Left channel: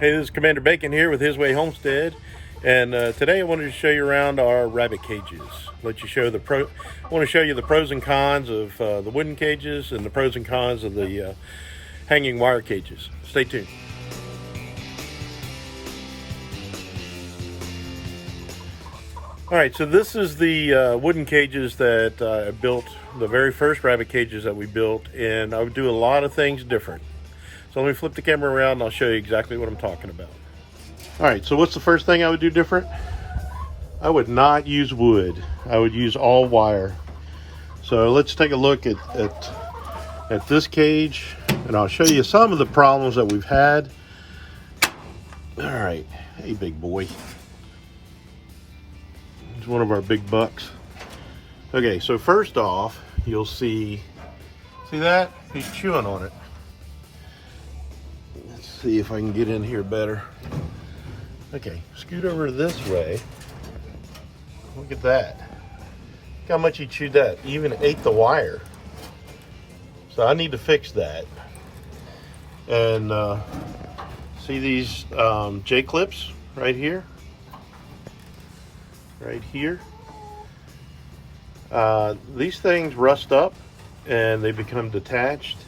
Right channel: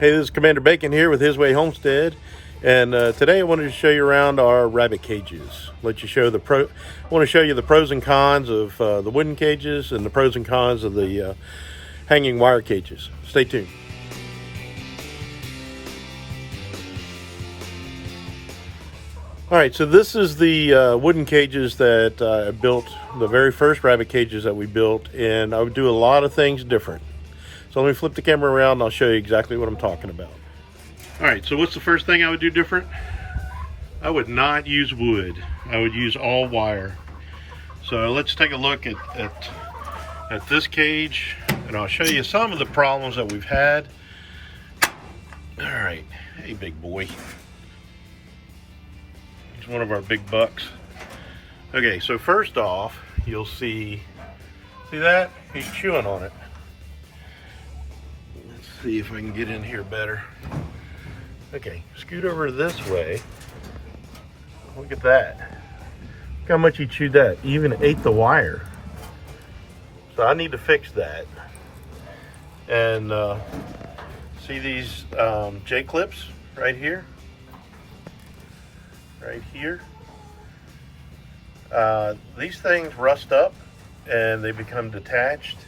Hey, this is Commander Bacon here with His Way Homestead, and today I wanted to show you around our rabbit cages. I want to show you the pros and cons of the wooden cages and the pros and cons of the hanging wire cages. Stay tuned. All right, so this is the wooden cages that I built, the very first rabbit cages that we built, and I would do a lot of things different. So let me flip the camera around and I'll show you exactly what I'm talking about. All right, so what's the first thing I would do different? I would not use wood. I would use all wire. So let's take a look at this cage, and I'll show you some of the problems that we've had. All right, hey big boy. He's one of our big bucks. Okay, so first off, you'll see that? He's chewing on it. Let's see if I can get in here better. Okay, scoot over this way. Look at that. Look how much he chewed that. He even ate the wire. So I need to fix that. And see these J-clips right here? Right here. These things rust up and they become detached.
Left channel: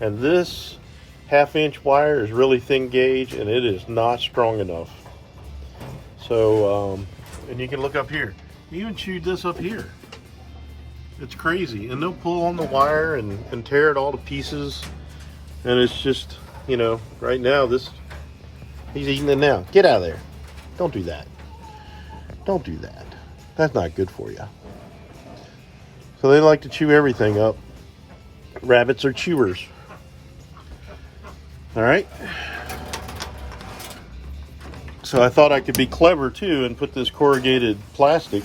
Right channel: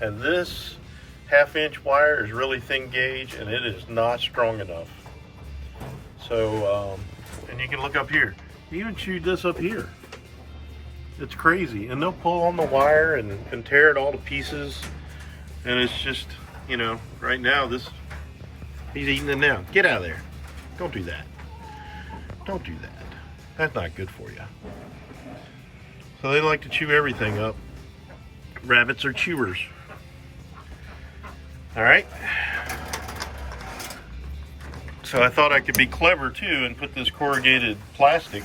And this 1/2-inch wire is really thin gauge and it is not strong enough. So, and you can look up here. He even chewed this up here. It's crazy. And they'll pull on the wire and tear it all to pieces. And it's just, you know, right now he's eating it now. Get out of there. Don't do that. Don't do that. That's not good for you. So they like to chew everything up. Rabbits are chewers. All right. So I thought I could be clever too and put this corrugated plastic.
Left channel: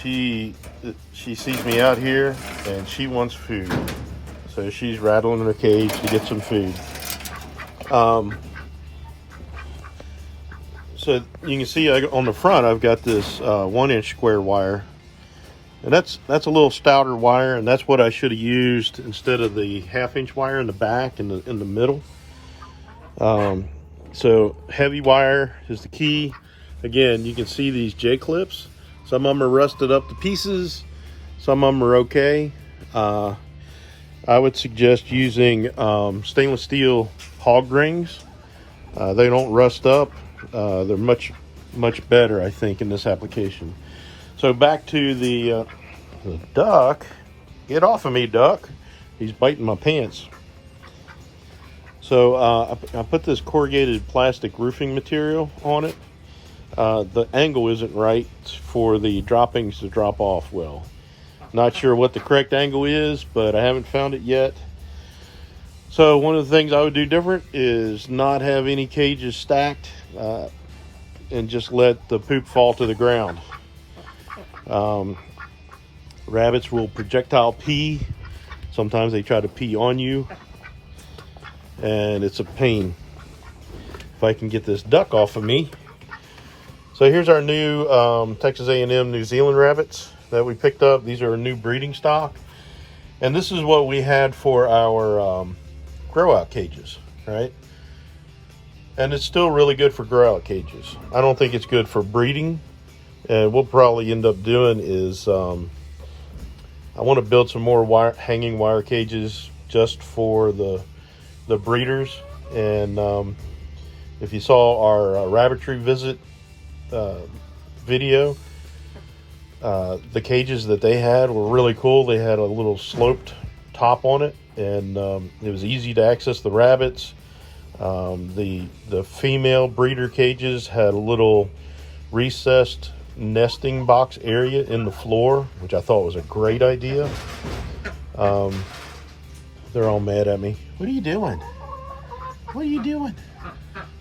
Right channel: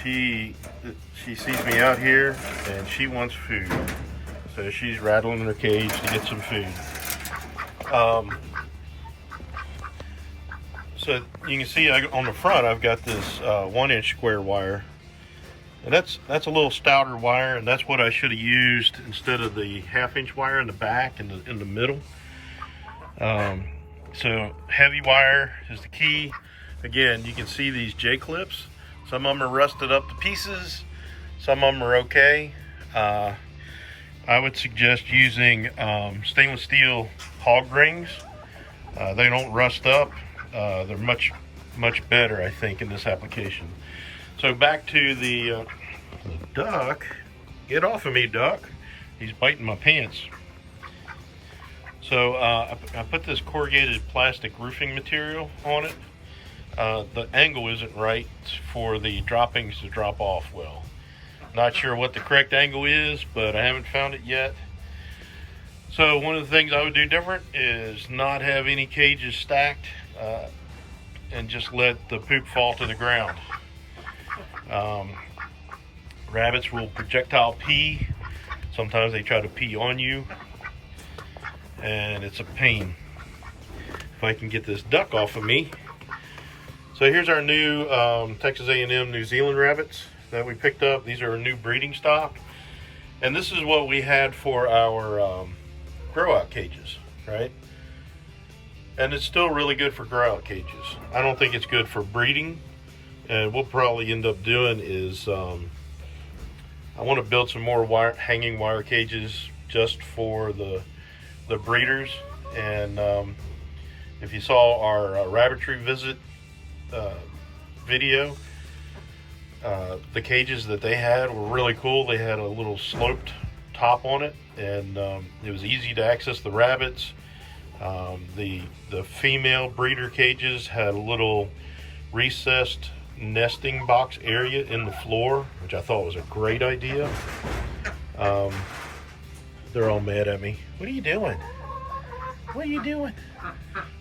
She sees me out here and she wants food. So she's rattling in her cage to get some food. So you can see on the front I've got this 1-inch square wire. And that's a little stouter wire, and that's what I should have used instead of the 1/2-inch wire in the back and in the middle. So heavy wire is the key. Again, you can see these J-clips. Some of them are rusted up to pieces. Some of them are okay. I would suggest using stainless steel hog rings. They don't rust up. They're much better, I think, in this application. So back to the duck. Get off of me, duck. He's biting my pants. So I put this corrugated plastic roofing material on it. The angle isn't right for the droppings to drop off well. Not sure what the correct angle is, but I haven't found it yet. So one of the things I would do different is not have any cages stacked and just let the poop fall to the ground. Rabbits will projectile pee. Sometimes they try to pee on you, and it's a pain. If I can get this duck off of me. So here's our new Texas A&M New Zealand rabbits that we picked up. These are a new breeding stock, and this is what we had for our grow out cages, right? And it's still really good for grow out cages. I don't think it's good for breeding. And we'll probably end up doing is I want to build some more hanging wire cages just for the breeders. And if you saw our rabbitry visit video, the cages that they had were really cool. They had a little sloped top on it, and it was easy to access the rabbits. The female breeder cages had a little recessed nesting box area in the floor, which I thought was a great idea. They're all mad at me. What are you doing? What are you doing?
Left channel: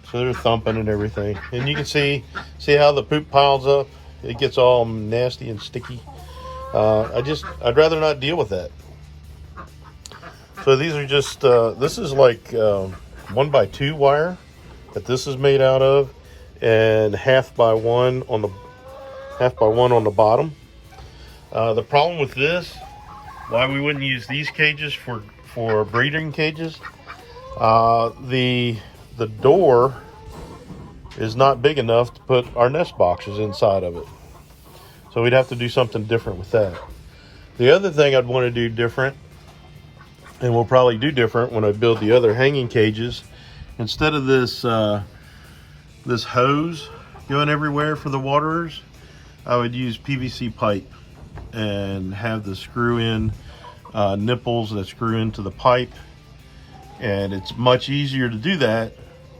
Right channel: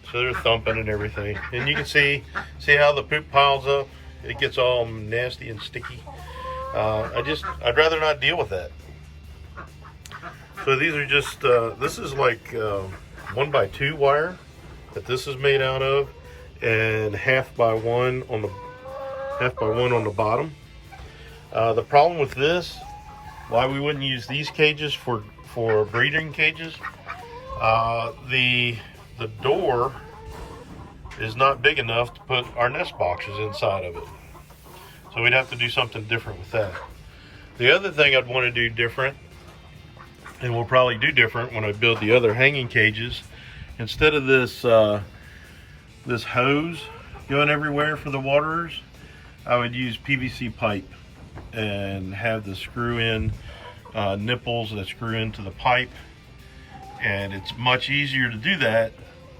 So they're thumping and everything. And you can see how the poop piles up. It gets all nasty and sticky. I'd rather not deal with that. So these are just, this is like 1x2 wire that this is made out of, and 1/2x1 on the bottom. The problem with this, why we wouldn't use these cages for breeding cages, the the door is not big enough to put our nest boxes inside of it. So we'd have to do something different with that. The other thing I'd want to do different, and we'll probably do different when I build the other hanging cages, instead of this this hose going everywhere for the waterers, I would use PVC pipe and have the screw in nipples that screw into the pipe. And it's much easier to do that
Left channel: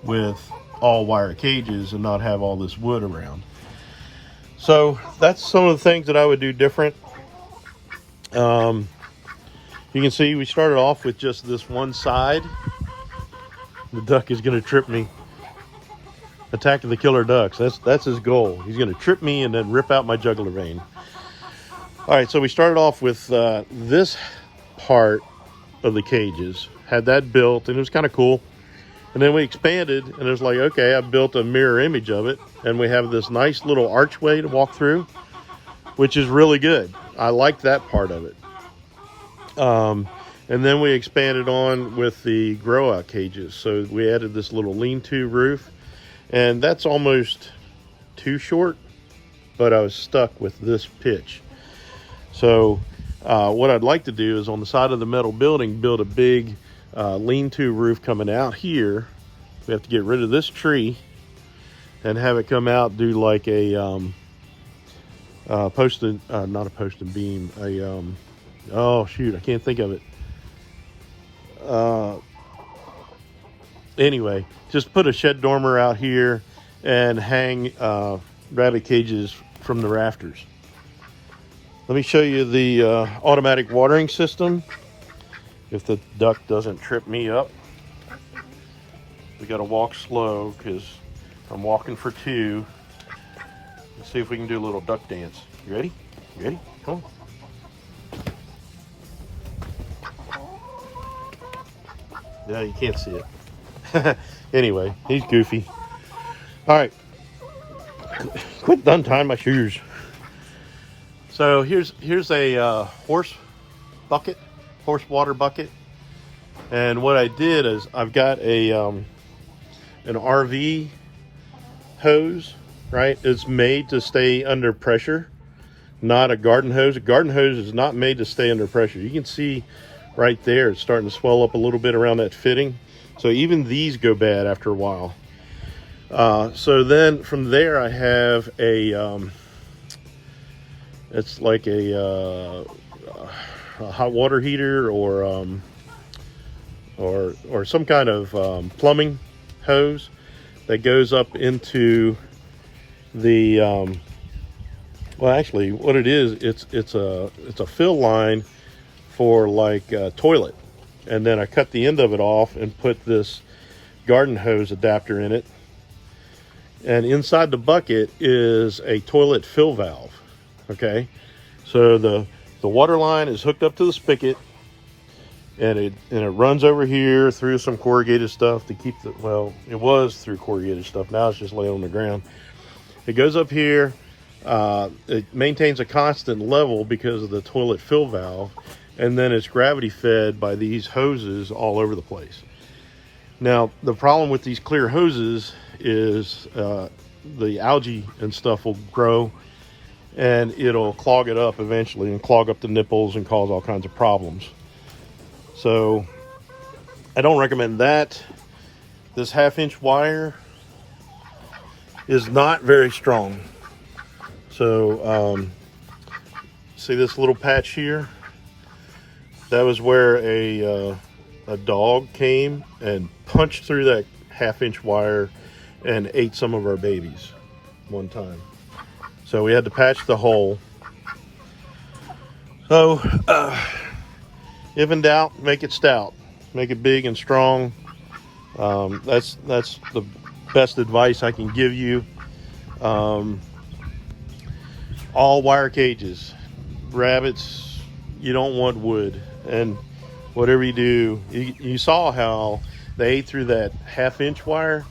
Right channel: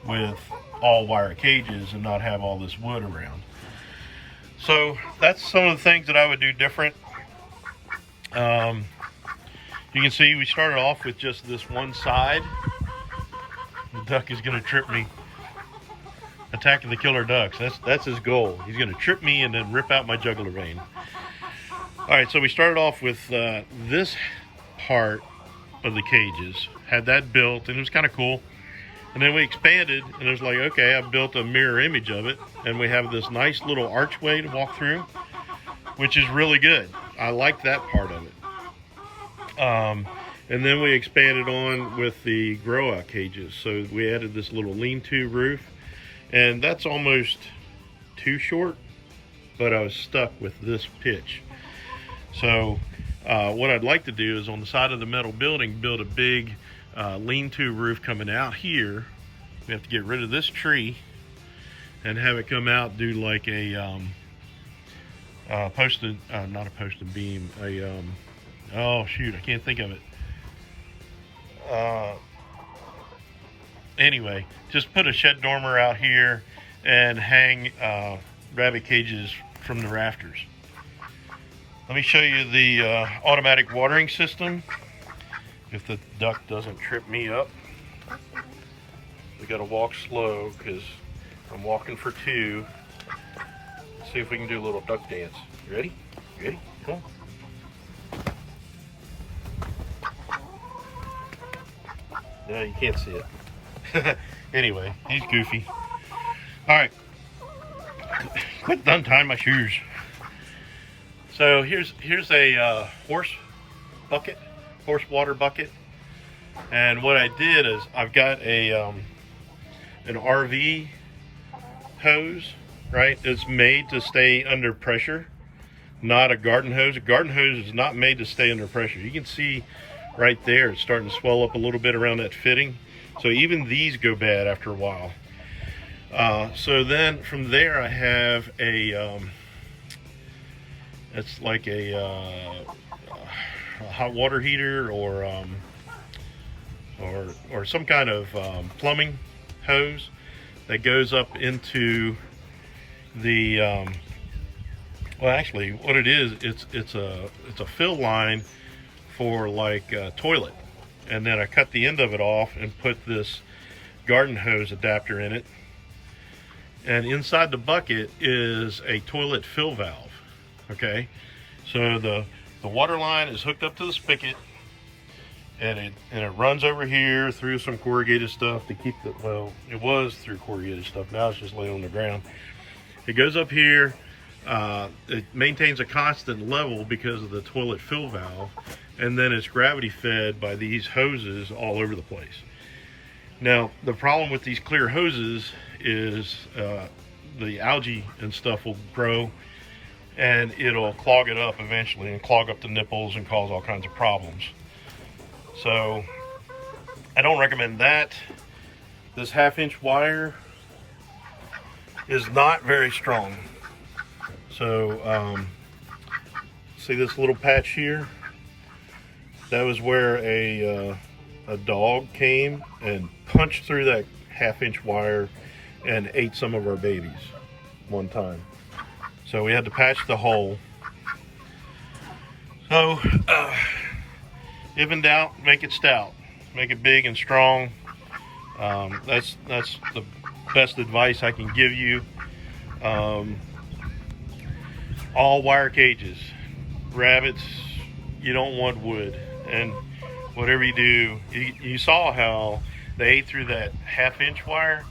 with all wire cages and not have all this wood around. So that's some of the things that I would do different. You can see we started off with just this one side. The duck is going to trip me. Attacking the killer ducks. That's his goal. He's going to trip me and then rip out my jugular vein. All right, so we started off with this part of the cages. Had that built, and it was kind of cool. And then we expanded, and it was like, okay, I built a mirror image of it, and we have this nice little archway to walk through, which is really good. I like that part of it. And then we expanded on with the grow out cages. So we added this little lean-to roof, and that's almost too short, but I was stuck with this pitch. So what I'd like to do is on the side of the metal building, build a big lean-to roof coming out here. We have to get rid of this tree and have it come out, do like a post and not a post and beam, oh shoot, I can't think of it. Anyway, just put a shed dormer out here and hang rabbit cages from the rafters. Let me show you the automatic watering system. If the duck doesn't trip me up. We gotta walk slow because I'm walking for two. Let's see if we can do a little duck dance. You ready? You ready? Come on. Yeah, you can't see it. Anyway, he's goofy. All right, quit untying my shoes. So here's a horse water bucket, and what I did is I've got a an RV hose, right? It's made to stay under pressure, not a garden hose. A garden hose is not made to stay under pressure. You can see right there it's starting to swell up a little bit around that fitting. So even these go bad after a while. So then from there I have a it's like a hot water heater or some kind of plumbing hose that goes up into the well, actually what it is, it's a fill line for like a toilet, and then I cut the end of it off and put this garden hose adapter in it, and inside the bucket is a toilet fill valve. Okay, so the water line is hooked up to the spigot, and it runs over here through some corrugated stuff to keep the, well, it was through corrugated stuff, now it's just laying on the ground. It goes up here, it maintains a constant level because of the toilet fill valve, and then it's gravity fed by these hoses all over the place. Now the problem with these clear hoses is the algae and stuff will grow, and it'll clog it up eventually and clog up the nipples and cause all kinds of problems. So I don't recommend that. This 1/2-inch wire is not very strong. So see this little patch here? That was where a dog came and punched through that 1/2-inch wire and ate some of our babies one time. So we had to patch the hole. So if in doubt, make it stout. Make it big and strong. That's the best advice I can give you. All wire cages. Rabbits, you don't want wood. And whatever you do, you saw how they ate through that 1/2-inch wire.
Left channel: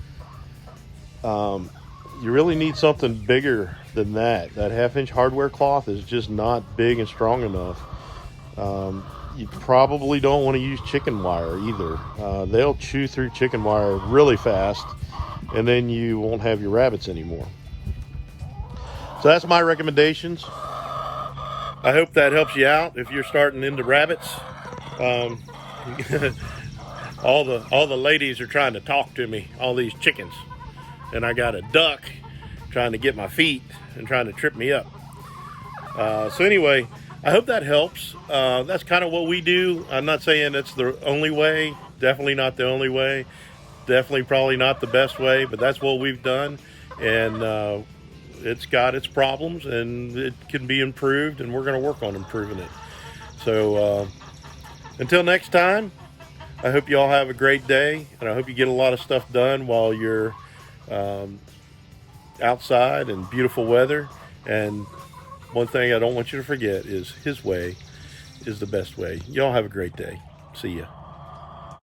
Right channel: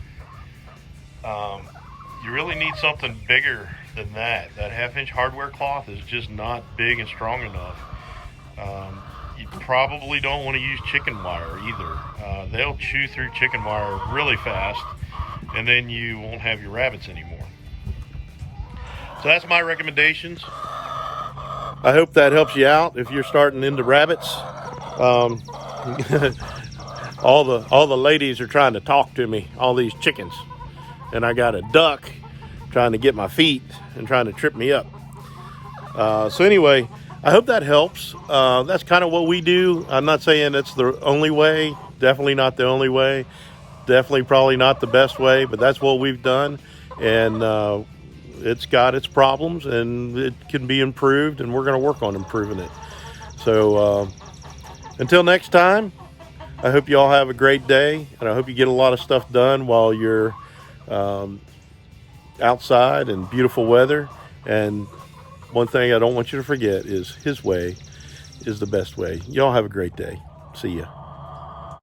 You really need something bigger than that. That 1/2-inch hardware cloth is just not big and strong enough. you probably don't want to use chicken wire either. They'll chew through chicken wire really fast, and then you won't have your rabbits anymore. So that's my recommendations. I hope that helps you out if you're starting into rabbits. All the ladies are trying to talk to me, all these chickens, and I got a duck trying to get my feet and trying to trip me up. So anyway, I hope that helps. That's kind of what we do. I'm not saying it's the only way, definitely not the only way, definitely probably not the best way, but that's what we've done. And it's got its problems, and it can be improved, and we're going to work on improving it. So until next time, I hope you all have a great day, and I hope you get a lot of stuff done while you're outside in beautiful weather. And one thing I don't want you to forget is His way is the best way. Y'all have a great day. See ya.